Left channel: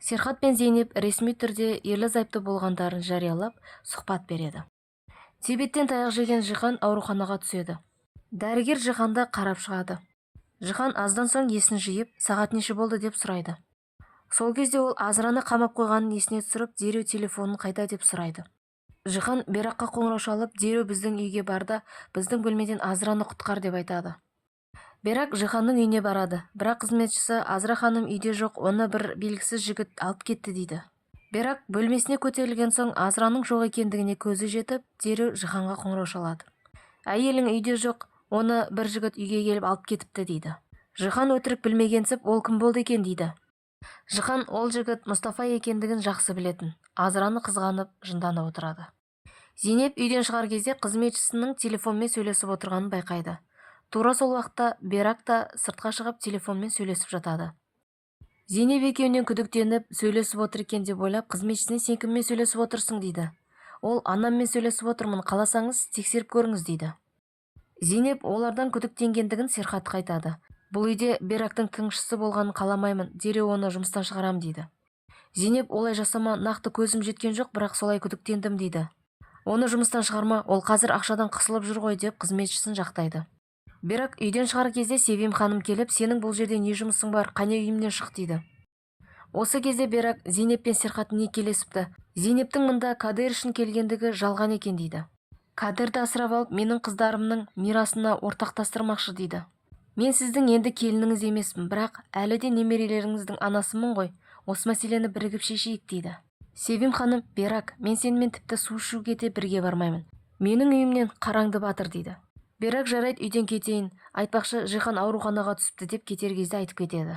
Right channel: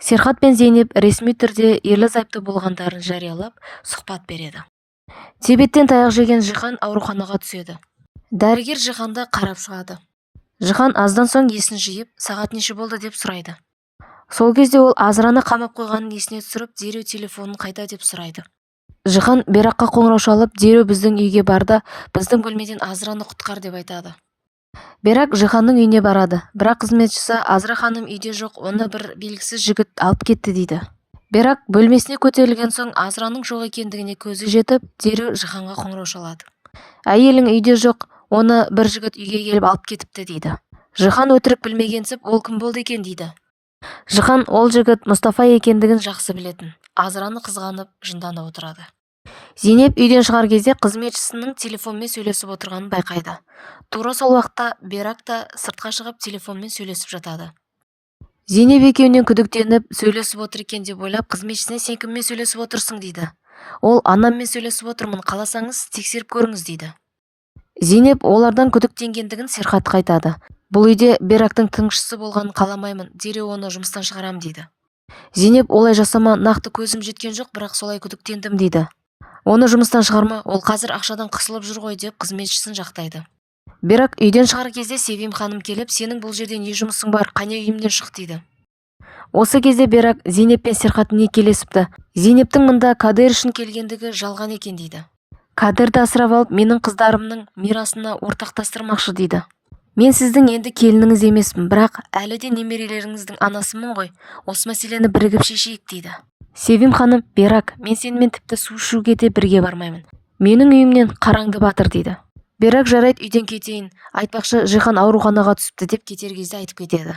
Серхат пен Зейнеп ресми түрде ерлі-зайыпты болғандарын жариялап, сұхбат береді. Тибеттен таяқ жеген Жихан ауруханаға түседі. Дәрігер Жиханды қарап шығады. Жихан аздан соң есін жиып, сағат неше болды деп сұрайды. Сол кезде ол Азраны қамап қойғанын есіне түсіріп, дереу телефонын қайда деп сұрайды. Жихан Бераққа қоңырау шалып, дереу біздің үйге бар да, біздің бөлмеден Азраны құтқар деп айтады. Берак Жиханның үйіне барады, бірақ қызметшісі Азра ханым үйде жоқ, оны бір белгісіз жігіт алып кетті дейді. Берак бөлмесіне көтерілген соң Азраның жоқ екендігіне көзі жетіп, дереу Жиханға қоңырау шалады. Әйелің үйде жоқ, оны бір жігіт үйге келіп алып кетіпті дейді. Жихан өтірік білмегенсіп, ол кім болды екен дейді. Жихан ол жігіт Мұстафа екендігін жақсы білетін. Азраны қызғанып, жынданып отырады. Зейнеп үйден шығар кезде қызметшісінің телефонмен сөйлесіп отырғанын байқайды. Тура сол уақытта Берак та сыртқа шығып телефонмен сөйлесіп жатады. Зейнеп екеуінен күдіктеніп сөйлесіп отыр екен деп ойлап, қызметшісіне сен кіммен сөйлесіп отырсың дейді. Ол анаммен сөйлесіп отырмын, қаласаңыз тексеріп көріңіз дейді. Зейнеп олардан күдіктенгендігін Серхатқа айтады. Бұл үйде Берактың тыңшысы болғанын қаламаймын, дереу оны жұмыстан шығарам дейді. Зейнеп олай жасама, нақты көзім жеткен жоқ, бірақ солай күдіктендім дейді. Оны жұмыстан шығарма, ол қазір ақшадан қысылып жүр ғой деп қызметшісін жақтайды. Берак үйден шығар кезде Севим ханым келіп, сенің бұл жерде не жұмысың бар, қане үйімнен шық дейді. Осы кезде Берак Зейнеп пен Серхат некелесіпті. Зейнептің мұнда Кадер үшін келгендігі жалған екен дейді. Кадерді асырап алып, менің қыздарымның мирасына ортақтастырмақшы дейді. Мен сіздің енді келініңіз емеспін, бірақ әлі де немерелеріңіздің анасымын ғой, осы мәселені бірігіп шешейік дейді. Севим ханым, Берак, мен сенімен тіпті су ішуге де бірге бармаймын. Менің үйімнен қараңды батыр дейді. Берак жарайды, үйден кетейін, айтпақшы Жихан ауруханаға түсіпті деп кетер кезде айтып кетеді.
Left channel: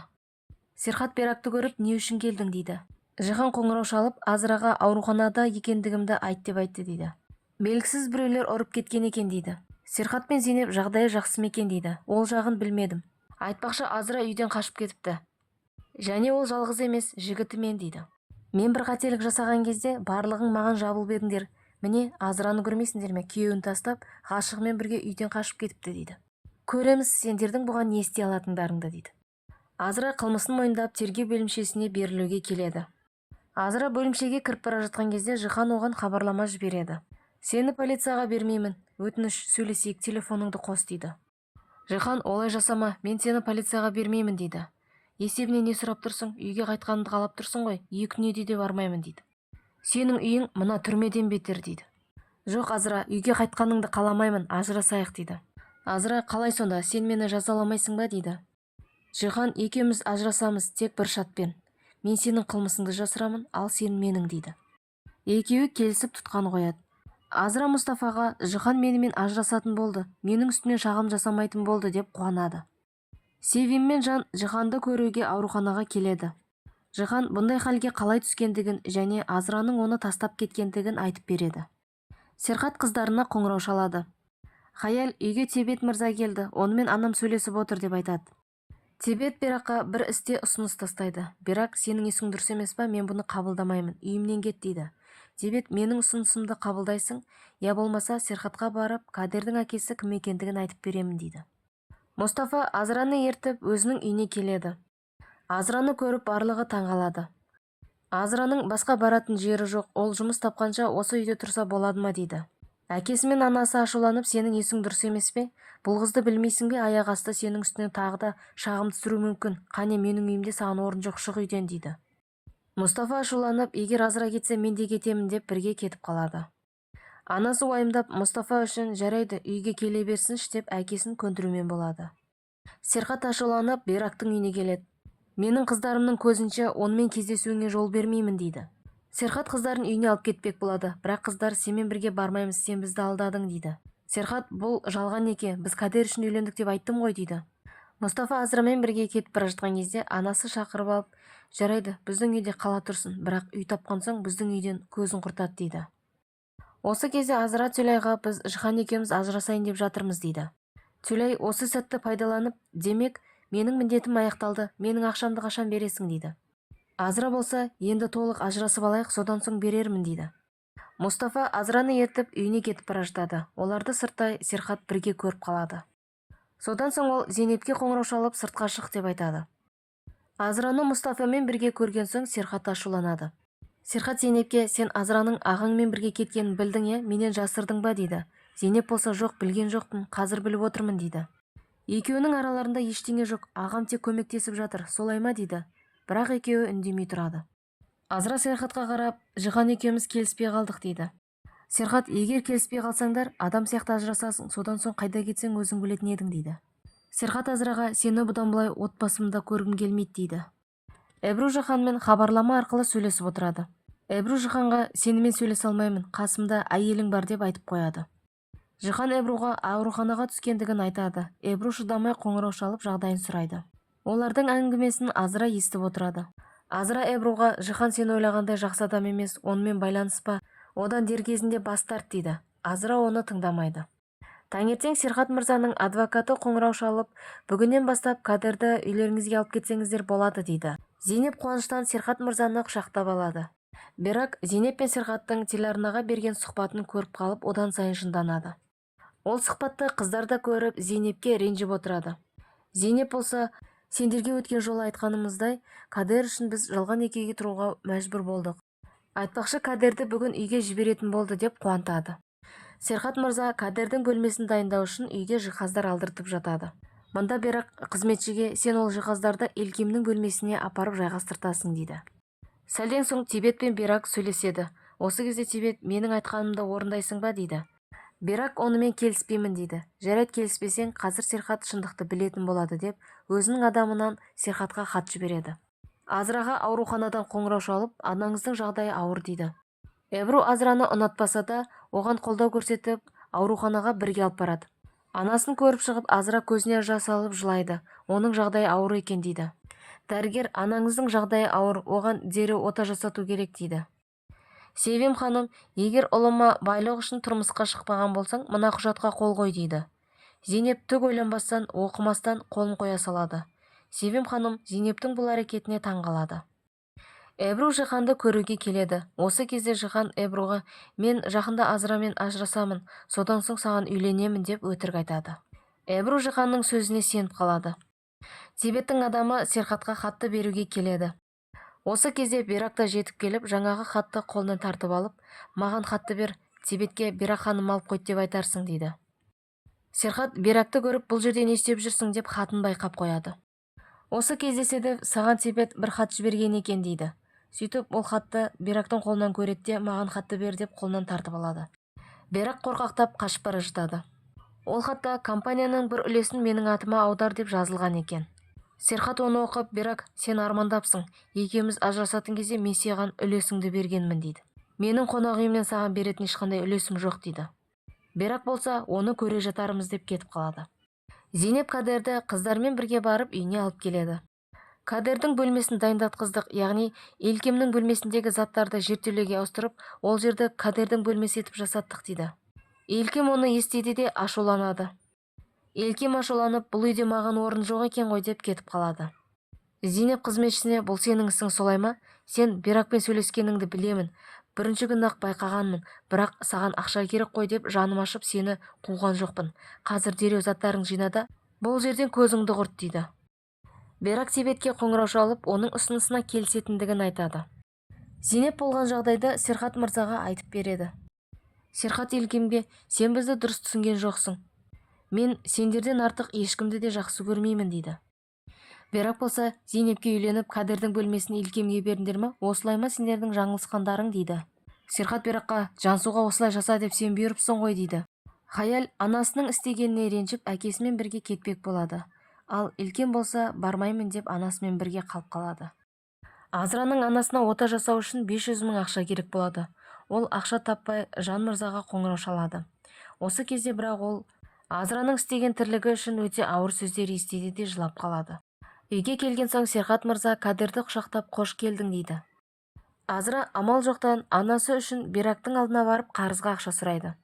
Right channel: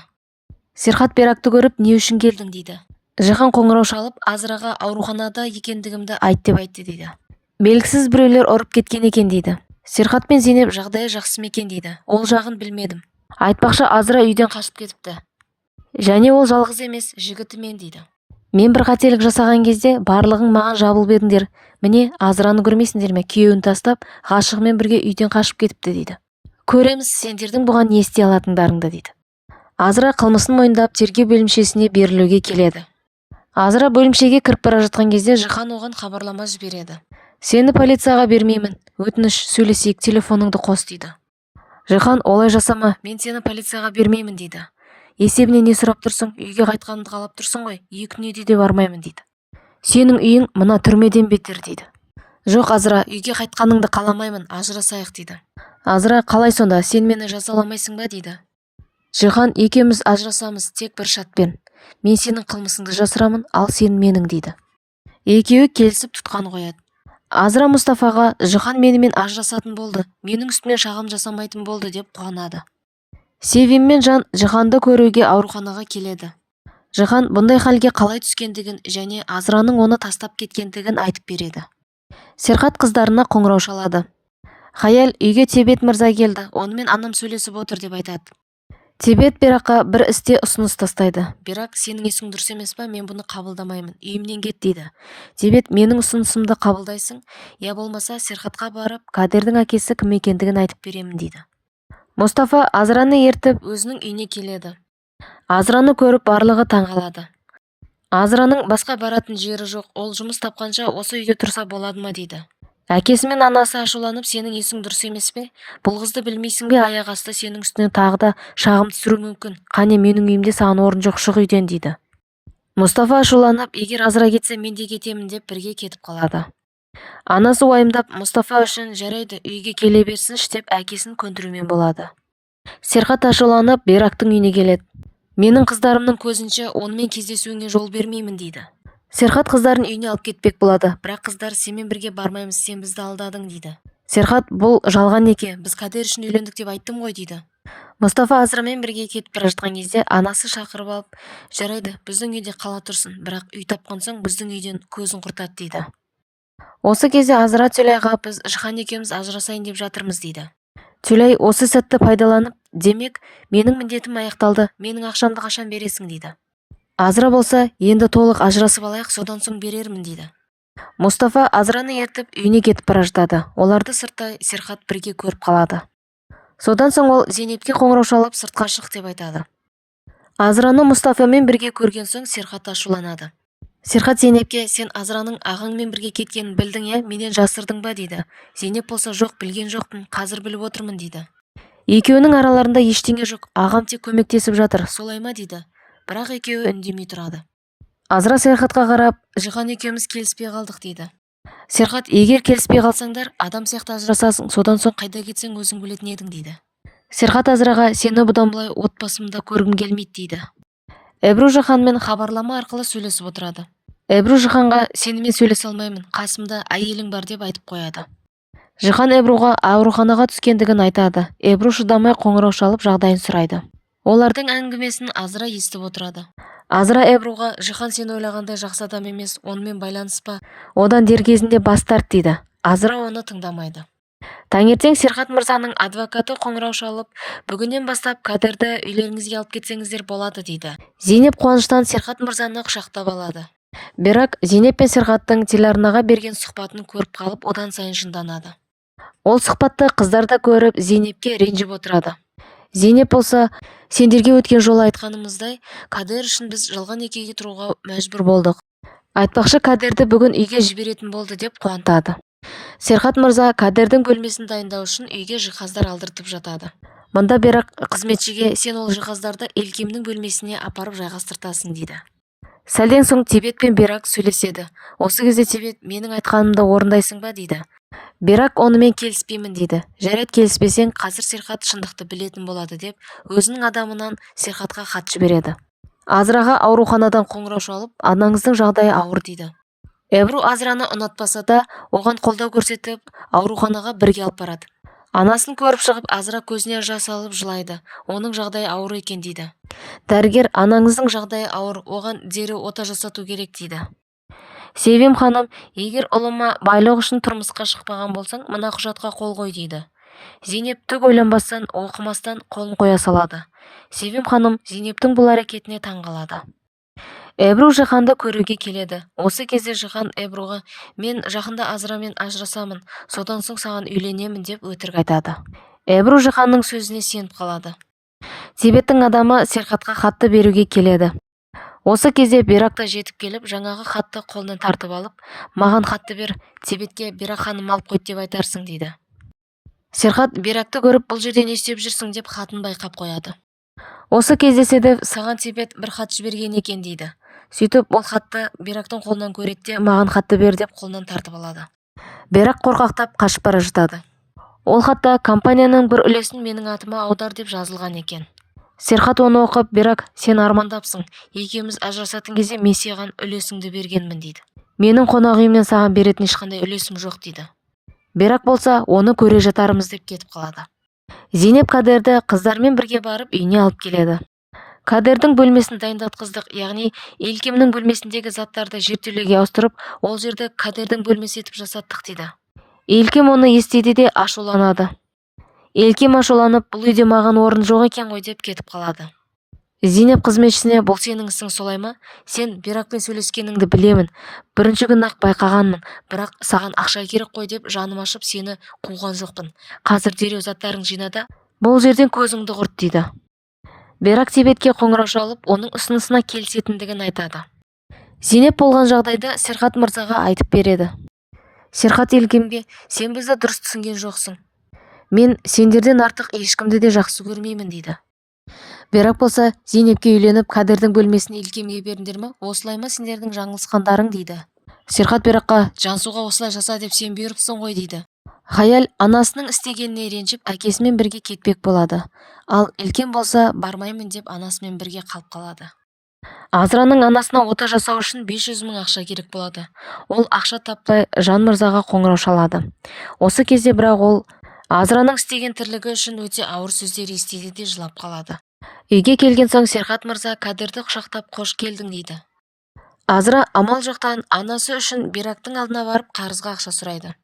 Серхат Беракты көріп, не үшін келдің дейді. Жихан қоңырау шалып, Азраға ауруханада екендігімді айт деп айтты дейді. Белгісіз біреулер ұрып кеткен екен дейді. Серхат пен Зейнеп жағдайы жақсы ма екен дейді. Ол жағын білмедім. Айтпақшы Азра үйден қашып кетіпті. Және ол жалғыз емес, жігітімен дейді. Мен бір қателік жасаған кезде барлығың маған жабылып едіңдер. Міне, Азраны көрмейсіңдер ме, күйеуін тастап, ғашығымен бірге үйден қашып кетіпті дейді. Көреміз сендердің бұған не істей алатындарыңды дейді. Азра қылмысын мойындап тергеу бөлімшесіне берілуге келеді. Азра бөлімшеге кіріп бара жатқан кезде Жихан оған хабарлама жібереді. Сені полицияға бермеймін, өтініш сөйлесейік, телефоныңды қос дейді. Жихан олай жасама, мен сені полицияға бермеймін дейді. Есебіне не сұрап тұрсың, үйге қайтқанымды қалап тұрсың ғой, 2 күнде де бармаймын дейді. Сенің үйің мына түрмеден бетер дейді. Жоқ Азра, үйге қайтқаныңды қаламаймын, ажырасайық дейді. Азра, қалай сонда, сен мені жазаламайсың ба дейді. Жихан, екеуміз ажырасамыз тек бір шартпен. Мен сенің қылмысыңды жасырамын, ал сен менің дейді. Екеуі келісіп тұтқан қояды. Азра Мұстафаға, Жихан менімен ажырасатын болды, менің үстімнен шағым жасамайтын болды деп қуанады. Севим мен Жан Жиханды көруге ауруханаға келеді. Жихан бұндай халге қалай түскендігін және Азраның оны тастап кеткендігін айтып береді. Серхат қыздарына қоңырау шалады. Хаяль, үйге Тебет мырза келді, онымен анам сөйлесіп отыр деп айтады. Тебет Беракқа бір істе ұсыныс тастайды. Берак, сенің есің дұрыс емес па, мен бұны қабылдамаймын, үйімнен кет дейді. Тебет, менің ұсынысымды қабылдайсың, я болмаса Серхатқа барып, Кадердің әкесі кім екендігін айтып беремін дейді. Мұстафа Азраны ертіп өзінің үйіне келеді. Азраны көріп барлығы таңғалады. Азраның басқа баратын жері жоқ, ол жұмыс тапқанша осы үйде тұрса болады ма дейді. Әкесі мен анасы ашуланып, сенің есің дұрыс емес пе? Бұл қызды білмейсің бе, аяқ асты сенің үстінен тағы да шағым түсіру мүмкін. Қане, менің үйімде саған орын жоқ, шық үйден дейді. Мұстафа ашуланып, егер Азра кетсе мен де кетемін деп бірге кетіп қалады. Анасы уайымдап, Мұстафа үшін жарайды, үйге келе берсінші деп әкесін көндірумен болады. Серхат ашуланып, Берактың үйіне келеді. Менің қыздарымның көзінше онымен кездесуіңе жол бермеймін дейді. Серхат қыздарын үйіне алып кетпек болады, бірақ қыздар сенімен бірге бармаймыз, сен бізді алдадың дейді. Серхат, бұл жалған неке, біз Кадер үшін үйлендік деп айттым ғой дейді. Мұстафа Азрамен бірге кетіп бара жатқан кезде анасы шақырып алып, жарайды, біздің үйде қала тұрсын, бірақ үй тапқан соң біздің үйден көзін құртады дейді. Осы кезде Азра Тюлайға, біз Жихан екеуміз ажырасайын деп жатырмыз дейді. Тюлай осы сәтті пайдаланып, демек, менің міндетім аяқталды, менің ақшамды қашан бересің дейді. Азра болса, енді толық ажырасып алайық, содан соң берермін дейді. Мұстафа Азраны ертіп үйіне кетіп бара жатады. Оларды сыртта Серхат бірге көріп қалады. Содан соң ол Зейнепке қоңырау шалып сыртқа шық деп айтады. Азраны Мұстафамен бірге көрген соң Серхат ашуланады. Серхат Зейнепке: сен Азраның ағаңмен бірге кеткенін білдің е, менен жасырдың ба дейді. Зейнеп болса: жоқ, білген жоқпын, қазір біліп отырмын дейді. Екеуінің араларында ештеңе жоқ, ағам тек көмектесіп жатыр, солай ма дейді. Бірақ екеуі үндемей тұрады. Азра Серхатқа қарап: Жихан екеуміз келіспей қалдық дейді. Серхат: егер келіспей қалсаңдар, адам сияқты ажырасасың, содан соң қайда кетсең өзің білетін едің дейді. Серхат Азраға: сені бұдан былай отбасымда көргім келмейді дейді. Эбру Жиханмен хабарлама арқылы сөйлесіп отырады. Эбру Жиханға: сенімен сөйлесе алмаймын, қасымда әйелің бар деп айтып қояды. Жихан Эбруға ауруханаға түскендігін айтады. Эбру шыдамай қоңырау шалып жағдайын сұрайды. Олардың әңгімесін Азра естіп отырады. Азра Эбруға: Жихан сен ойлағандай жақсы адам емес, онымен байланыспа, одан дер кезінде бас тарт дейді. Азра оны тыңдамайды. Таңертең Серхат мырзаның адвокаты қоңырау шалып: бүгіннен бастап Кадерді үйлеріңізге алып кетсеңіздер болады дейді. Зейнеп қуаныштан Серхат мырзаны құшақтап алады. Бірақ Зейнеп пен Серхаттың телеарнаға берген сұхбатын көріп қалып, одан сайын жынданады. Ол сұхбатты қыздар да көріп, Зейнепке ренжіп отырады. Зейнеп болса: сендерге өткен жолы айтқанымыздай, Кадер үшін біз жалған некеге тұруға мәжбүр болдық. Айтпақшы, Кадерді бүгін үйге жіберетін болды деп қуантады. Серхат мырза Кадердің бөлмесін дайындау үшін үйге жиһаздар алдыртып жатады. Мұнда Берак қызметшіге: сен ол жиһаздарды Елкемнің бөлмесіне апарып жайғастыртасың дейді. Сәлден соң Тебет пен Берак сөйлеседі. Осы кезде Тебет: менің айтқанымды орындайсың ба дейді. Берак онымен келіспеймін дейді. Жарайды, келіспесең, қазір Серхат шындықты білетін болады деп өзінің адамынан Серхатқа хат жібереді. Азраға ауруханадан қоңырау шалып: анаңыздың жағдайы ауыр дейді. Эбру Азраны ұнатпаса да, оған қолдау көрсетіп, ауруханаға бірге алып барады. Анасын көріп шығып, Азра көзіне жас алып жылайды. Оның жағдайы ауыр екен дейді. Дәрігер: анаңыздың жағдайы ауыр, оған дереу ота жасату керек дейді. Севим ханым: егер ұлыма байлық үшін тұрмысқа шықпаған болсаң, мына құжатқа қол қой дейді. Зейнеп түк ойланбастан, оқымастан қолын қоя салады. Севим ханым Зейнептің бұл әрекетіне таңғалады. Эбру Жиханды көруге келеді. Осы кезде Жихан Эбруға: мен жақында Азрамен ажырасамын, содан соң саған үйленемін деп өтірік айтады. Эбру Жиханның сөзіне сеніп қалады. Тебеттің адамы Серхатқа хатты беруге келеді. Осы кезде Берак та жетіп келіп, жаңағы хатты қолынан тартып алып: маған хатты бер, Тебетке Берак ханым алып қойды деп айтарсың дейді. Серхат Беракты көріп: бұл жерде не істеп жүрсің деп хатын байқап қояды. Осы кездеседі: саған Тебет бір хат жіберген екен дейді. Сөйтіп ол хатты Берактың қолынан көреді де: маған хатты бер деп қолынан тартып алады. Берак қорқақтап қашып бара жатады. Ол хатта компанияның бір үлесін менің атыма аудар деп жазылған екен. Серхат оны оқып: Берак, сен армандапсың, екеуміз ажырасатын кезде мен саған үлесіңді бергенмін дейді. Менің қонақ үйімнен саған беретін ешқандай үлесім жоқ дейді. Берак болса оны көре жатармыз деп кетіп қалады. Зейнеп Кадерді қыздармен бірге барып үйіне алып келеді. Кадердің бөлмесін дайындатқыздық, яғни Елкемнің бөлмесіндегі заттарды жертөлеге ауыстырып, ол жерді Кадердің бөлмесі етіп жасаттық дейді. Елкем оны естиді де ашуланады. Елкем ашуланып: бұл үйде маған орын жоқ екен ғой деп кетіп қалады. Зейнеп қызметшісіне: бұл сенің ісің солай ма? Сен Беракпен сөйлескеніңді білемін. Бірінші күн-ақ байқағанмын, бірақ саған ақша керек қой деп жаным ашып сені қуған жоқпын. Қазір дереу заттарың жинада, бұл жерден көзіңді құрт дейді. Берак Тебетке қоңырау шалып, оның ұсынысына келісетіндігін айтады. Зейнеп болған жағдайды Серхат мырзаға айтып береді. Серхат Елкемге: сен бізді дұрыс түсінген жоқсың. Мен сендерден артық ешкімді де жақсы көрмеймін дейді. Берак болса: Зейнепке үйленіп, Кадердің бөлмесін Елкемге беріңдер ме? Осылай ма сендердің жаңылысқандарың дейді. Серхат Беракқа: Жансуға осылай жаса деп сен бұйырыпсың ғой дейді. Хаяль анасының істегеніне ренжіп, әкесімен бірге кетпек болады. Ал Елкем болса бармаймын деп анасымен бірге қалып қалады. Азраның анасына ота жасау үшін 500 мың ақша керек болады. Ол ақша таппай Жан мырзаға қоңырау шалады. Осы кезде бірақ ол Азраның істеген тірлігі үшін өте ауыр сөздер естиді де жылап қалады. Үйге келген соң Серхат мырза Кадерді құшақтап қош келдің дейді. Азра амал жоқтан анасы үшін Берактың алдына барып қарызға ақша сұрайды.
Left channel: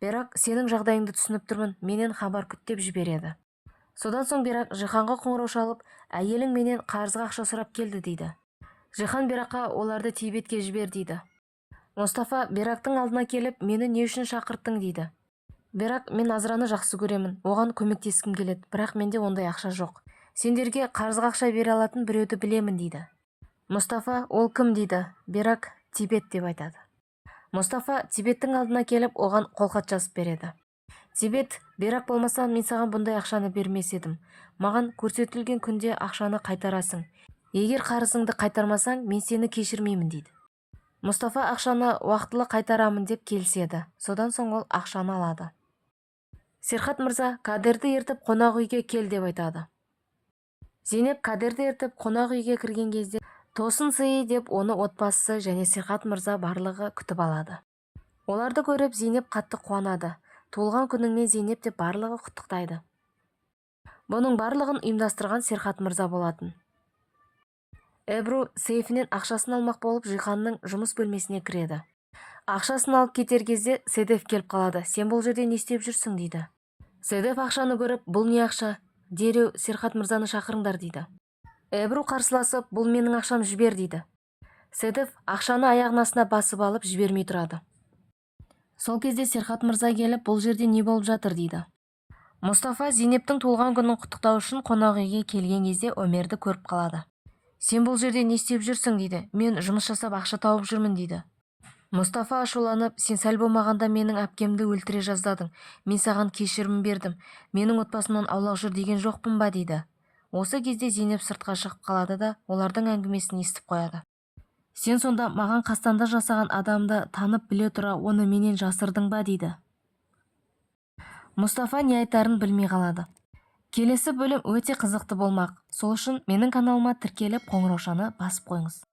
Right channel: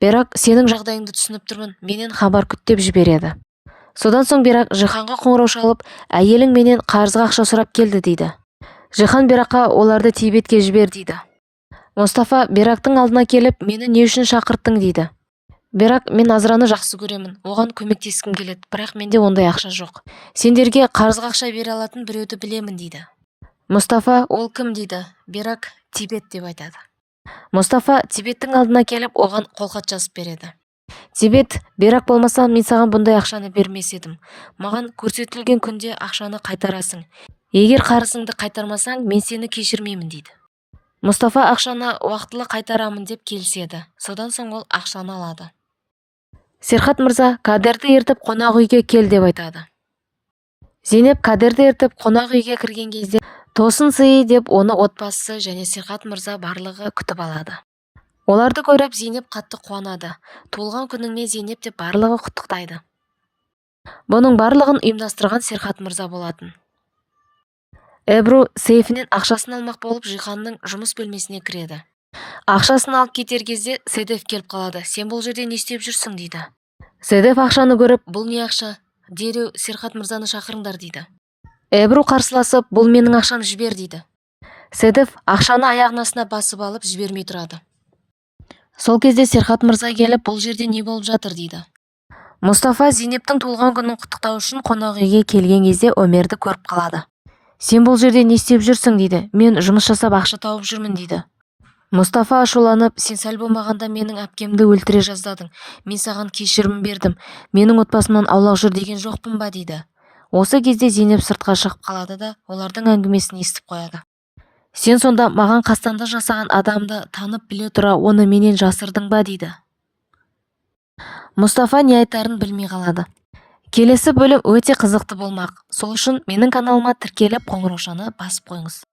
Берак: сенің жағдайыңды түсініп тұрмын, менен хабар күт деп жібереді. Содан соң Берак Жиханға қоңырау шалып: әйелің менен қарызға ақша сұрап келді дейді. Жихан Беракқа: оларды Тебетке жібер дейді. Мұстафа Берактың алдына келіп: мені не үшін шақырттың дейді. Бірақ мен Азраны жақсы көремін, оған көмектескім келеді, бірақ менде ондай ақша жоқ. Сендерге қарызға ақша бере алатын біреуді білемін дейді. Мұстафа, ол кім дейді. Берак, Тибет деп айтады. Мұстафа Тибеттің алдына келіп, оған қолхат жазып береді. Тибет, Берак болмаса мен саған бұндай ақшаны бермес едім. Маған көрсетілген күнде ақшаны қайтарасың. Егер қарызыңды қайтармасаң, мен сені кешірмеймін дейді. Мұстафа ақшаны уақытылы қайтарамын деп келіседі. Содан соң ол ақшаны алады. Серхат мырза, Кадерді ертіп қонақ үйге кел деп айтады. Зейнеп Кадерді ертіп қонақ үйге кірген кезде тосын сый деп оны отбасы және Серхат мырза барлығы күтіп алады. Оларды көріп Зейнеп қатты қуанады. Туылған күніңмен Зейнеп деп барлығы құттықтайды. Бұның барлығын ұйымдастырған Серхат мырза болатын. Эбру сейфінен ақшасын алмақ болып Жиханның жұмыс бөлмесіне кіреді. Ақшасын алып кетер кезде Седеф келіп қалады. Сен бұл жерде не істеп жүрсің дейді. Седеф ақшаны көріп, бұл не ақша? Дереу Серхат мырзаны шақырыңдар дейді. Эбру қарсыласып, бұл менің ақшам, жібер дейді. Седеф ақшаны аяғының астына басып алып жібермей тұрады. Сол кезде Серхат мырза келіп, бұл жерде не болып жатыр дейді. Мұстафа Зейнептің туылған күнін құттықтау үшін қонақ үйге келген кезде Өмерді көріп қалады. Сен бұл жерде не істеп жүрсің дейді. Мен жұмыс жасап ақша тауып жүрмін дейді. Мұстафа ашуланып, сен сәл болмағанда менің әпкемді өлтіре жаздадың. Мен саған кешірім бердім. Менің отбасымнан аулақ жүр деген жоқпын ба дейді. Осы кезде Зейнеп сыртқа шығып қалады да олардың әңгімесін естіп қояды. Сен сонда маған қастандық жасаған адамды танып біле тұра оны менен жасырдың ба дейді. Мұстафа не айтарын білмей қалады. Келесі бөлім өте қызықты болмақ. Сол үшін менің каналыма тіркеліп қоңыраушаны басып қойыңыз.